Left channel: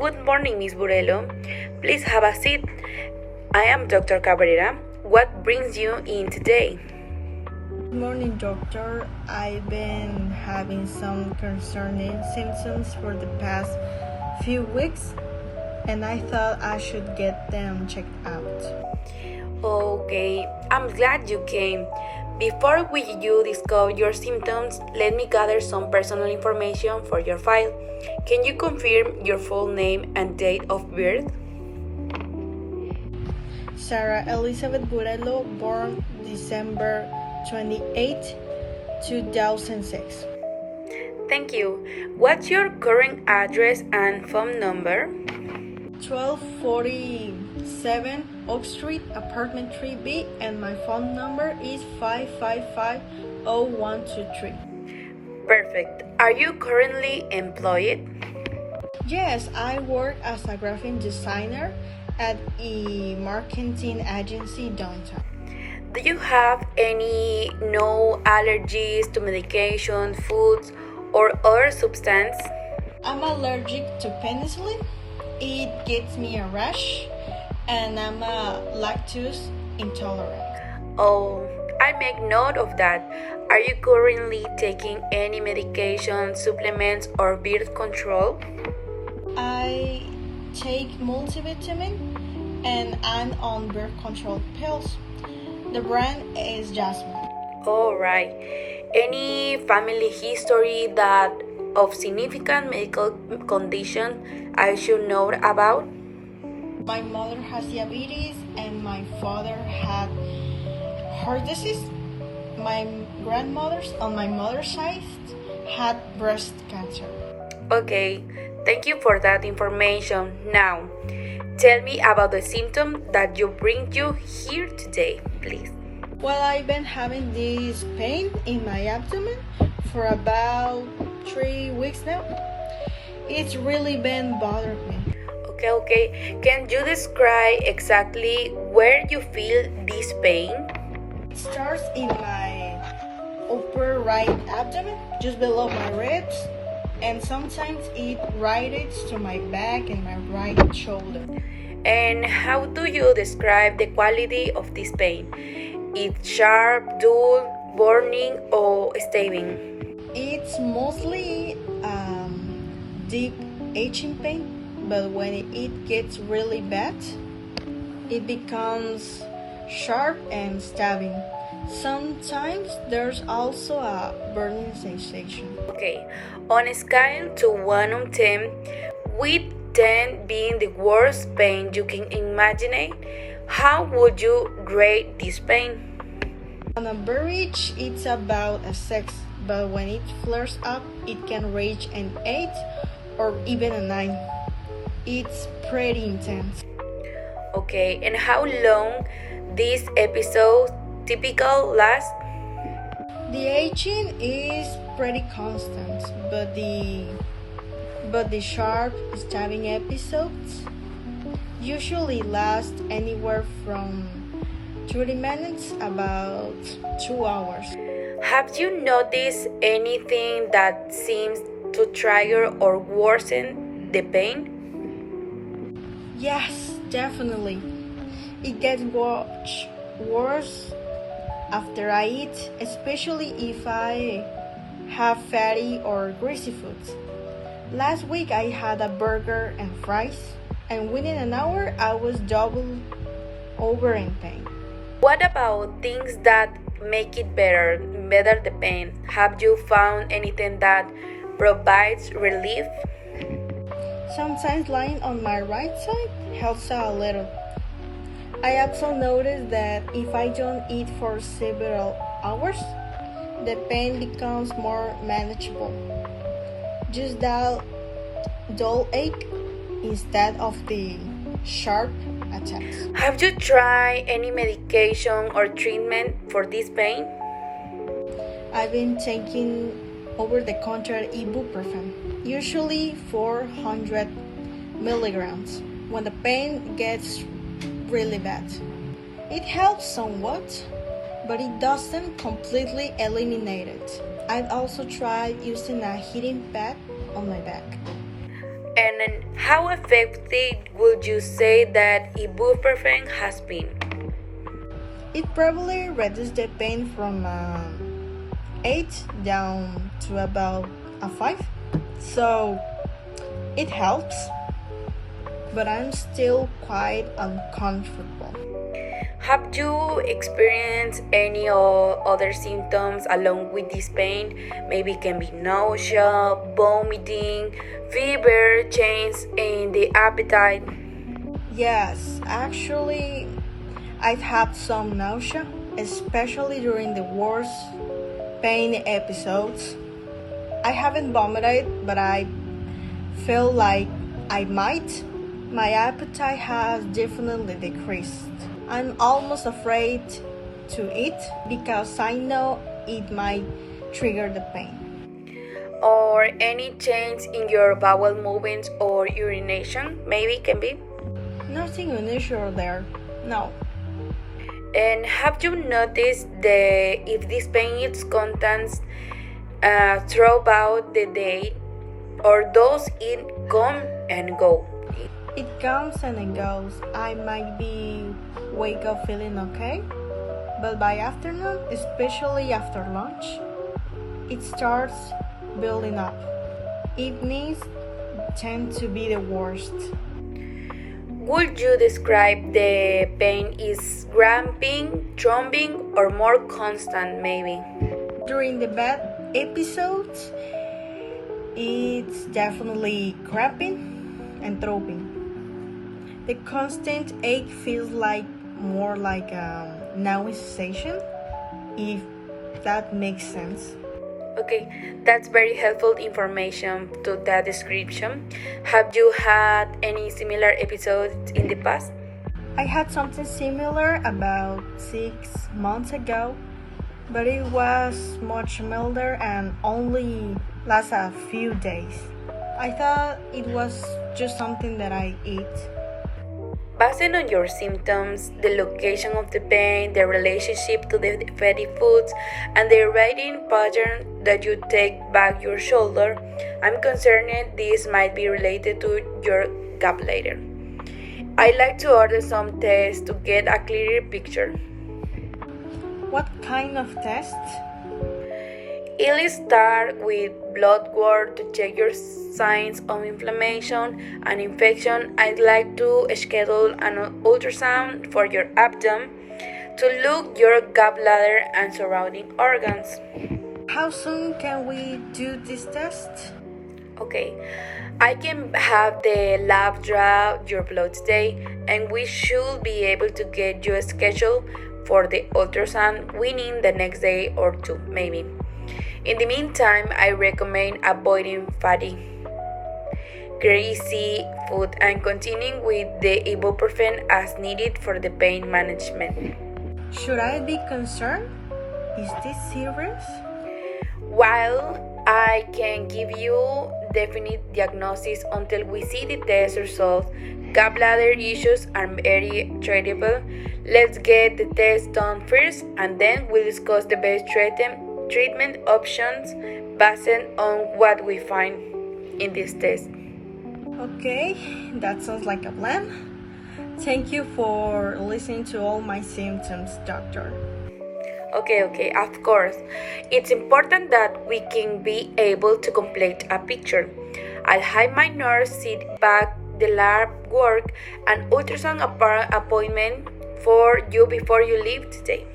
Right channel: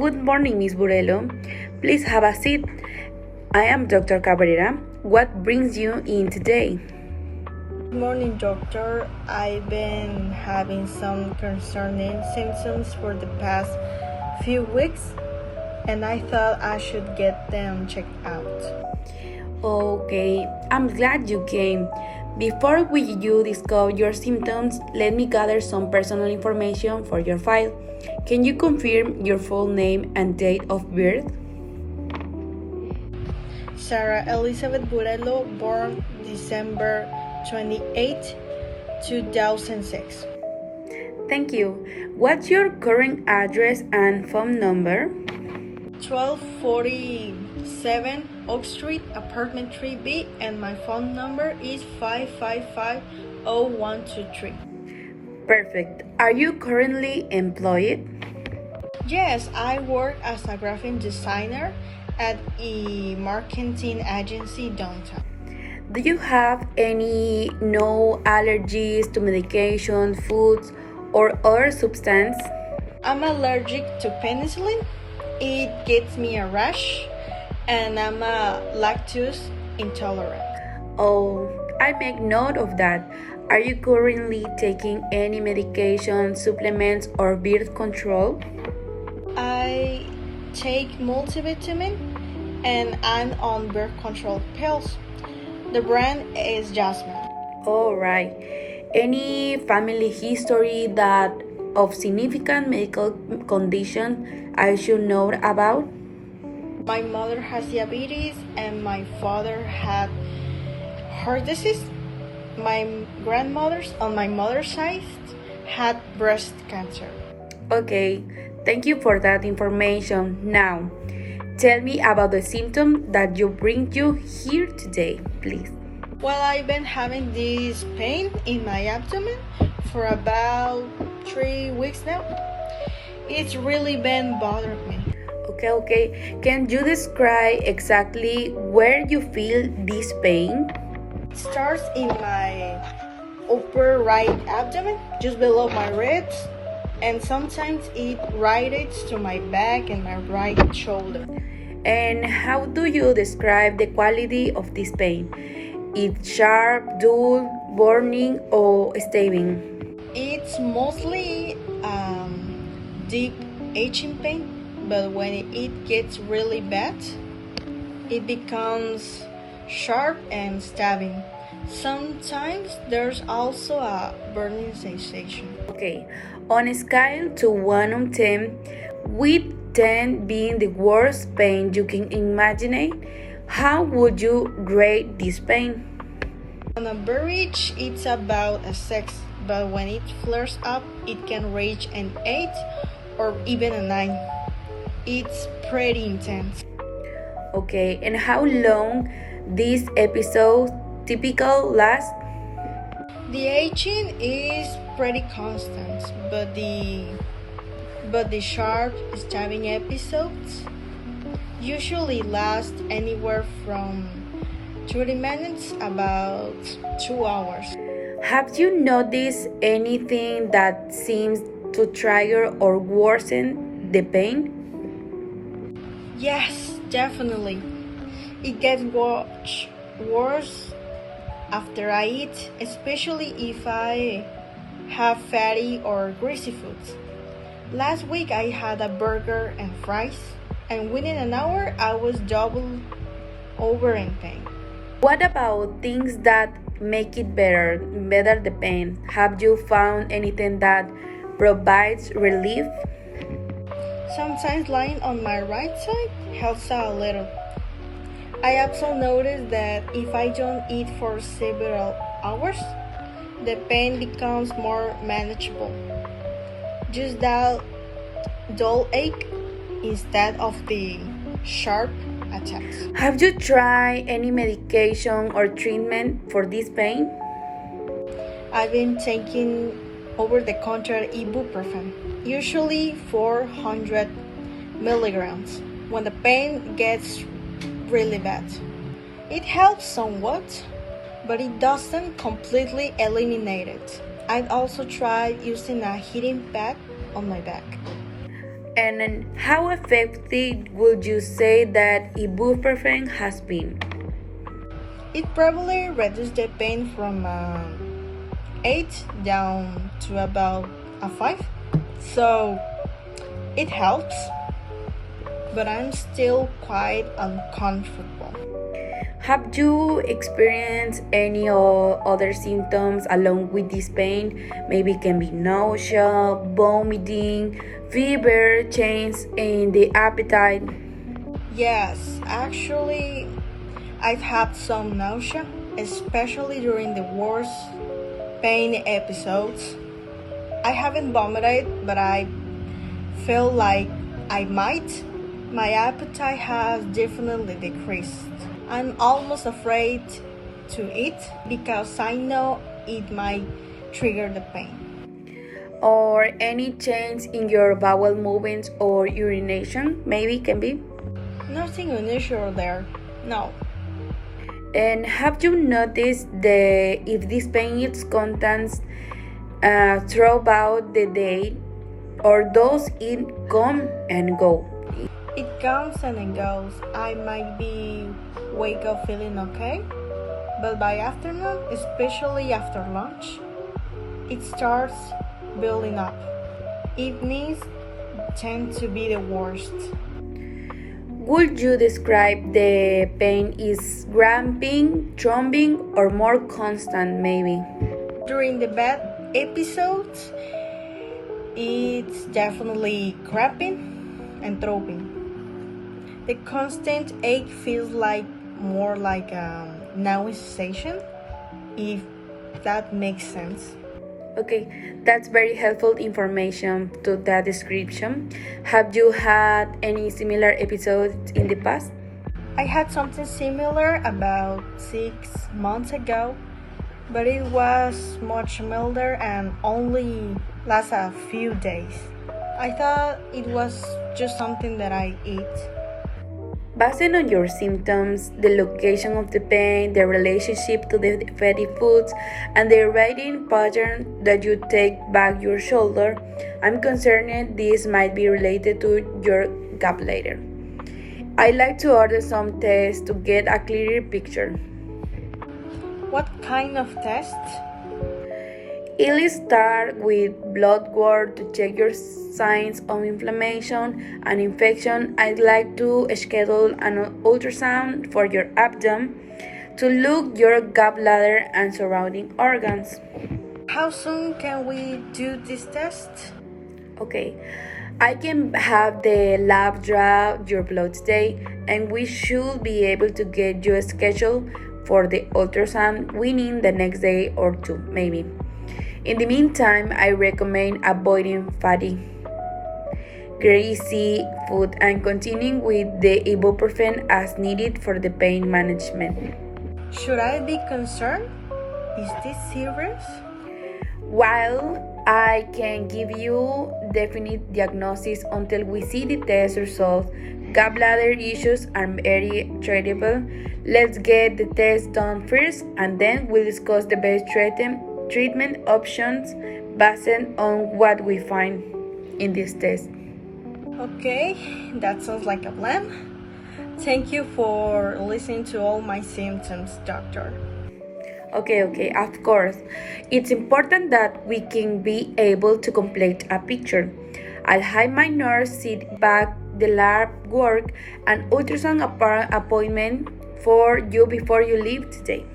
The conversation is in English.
Good morning, Miss Burelo. Please have a seat. I am Dr. Cabrera. What brings you in today? Good morning, doctor. I've been having some concerning symptoms for the past few weeks, and I thought I should get them checked out. Okay, I'm glad you came. Before you discover your symptoms, let me gather some personal information for your file. Can you confirm your full name and date of birth? Sara Elizabeth Burelo, born December 28, 2006. Thank you. What's your current address and phone number? 1247 Oak Street, apartment 3B, and my phone number is 555-0123. Perfect. Are you currently employed? Yes, I work as a graphic designer at a marketing agency downtown. Do you have any no allergies to medication, foods, or other substance? I'm allergic to penicillin. It gives me a rash, and I'm lactose intolerant. Oh, I make note of that. Are you currently taking any medication, supplements, or birth control? I take multivitamin, and I'm on birth control pills. The brand is Jasmine. All right. Any family history that of significant medical condition I should know about? My mother has diabetes, and my father had heart disease. My grandmothers on my mother's side had breast cancer. Okay, thank you for that information. Now, tell me about the symptom that you bring you here today, please. Well, I've been having this pain in my abdomen for about 3 weeks now. It's really been bothering me. Okay. Can you describe exactly where you feel this pain? It starts in my upper right abdomen, just below my ribs, and sometimes it radiates to my back and my right shoulder. And how do you describe the quality of this pain? It's sharp, dull, burning, or stabbing? It's mostly deep itching pain, but when it gets really bad, it becomes sharp and stabbing. Sometimes there's also a burning sensation. Okay, on a scale to 1 on 10, with 10 being the worst pain you can imagine, how would you rate this pain? On average, it's about a 6, but when it flares up, it can reach an 8 or even a 9. It's pretty intense. Okay, and how long this episode typical last? The aging is pretty constant, but the sharp stabbing episodes usually last anywhere from 30 minutes about 2 hours. Have you noticed anything that seems to trigger or worsen the pain? Yes, definitely. It gets worse after I eat, especially if I have fatty or greasy foods. Last week I had a burger and fries, and within an hour I was double over in pain. What about things that make it better the pain? Have you found anything that provides relief? Sometimes lying on my right side helps out a little. I also noticed that if I don't eat for several hours, the pain becomes more manageable. Just that dull ache instead of the sharp attacks. Have you tried any medication or treatment for this pain? I've been taking over-the-counter ibuprofen, usually 400 milligrams, when the pain gets really bad. It helps somewhat, but it doesn't completely eliminate it. I've also tried using a heating pad on my back. And How effective would you say that ibuprofen has been? It probably reduced the pain from 8 down to about a 5. So it helps, but I'm still quite uncomfortable. Have you experienced any other symptoms along with this pain? Maybe it can be nausea, vomiting, fever, change in the appetite. Yes, actually, I've had some nausea, especially during the worst pain episodes. I haven't vomited, but I feel like I might. My appetite has definitely decreased. I'm almost afraid to eat because I know it might trigger the pain. Or any change in your bowel movements or urination, maybe can be. Nothing unusual there. No. And have you noticed if this pain is constant throughout the day, or does it come and go? It comes and it goes. I might be wake up feeling okay, but by afternoon, especially after lunch, it starts building up. Evenings tend to be the worst. Would you describe the pain is gramping, throbbing, or more constant maybe? During the bad episodes, it's definitely cramping and throbbing. The constant ache feels like more like a nausea, if that makes sense. Okay, that's very helpful information to that description. Have you had any similar episodes in the past? I had something similar about 6 months ago, but it was much milder and only lasted a few days. I thought it was just something that I ate. Based on your symptoms, the location of the pain, the relationship to the fatty foods, and the riding pattern that you take back your shoulder, I'm concerned this might be related to your gallbladder. I like to order some tests to get a clearer picture. What kind of test? It'll start with blood work to check your signs of inflammation and infection. I'd like to schedule an ultrasound for your abdomen to look your gallbladder and surrounding organs. How soon can we do this test? Okay, I can have the lab draw your blood today, and we should be able to get you scheduled for the ultrasound within the next day or two, maybe. In the meantime, I recommend avoiding fatty, greasy food and continuing with the ibuprofen as needed for the pain management. Should I be concerned? Is this serious? While I can give you definite diagnosis until we see the test results, gallbladder issues are very treatable. Let's get the test done first, and then we'll discuss the best treatment options based on what we find in this test. Okay, that sounds like a plan. Thank you for listening to all my symptoms, doctor. Okay, of course. It's important that we can be able to complete a picture. I'll have my nurse sit back the lab work and ultrasound appointment for you before you leave today.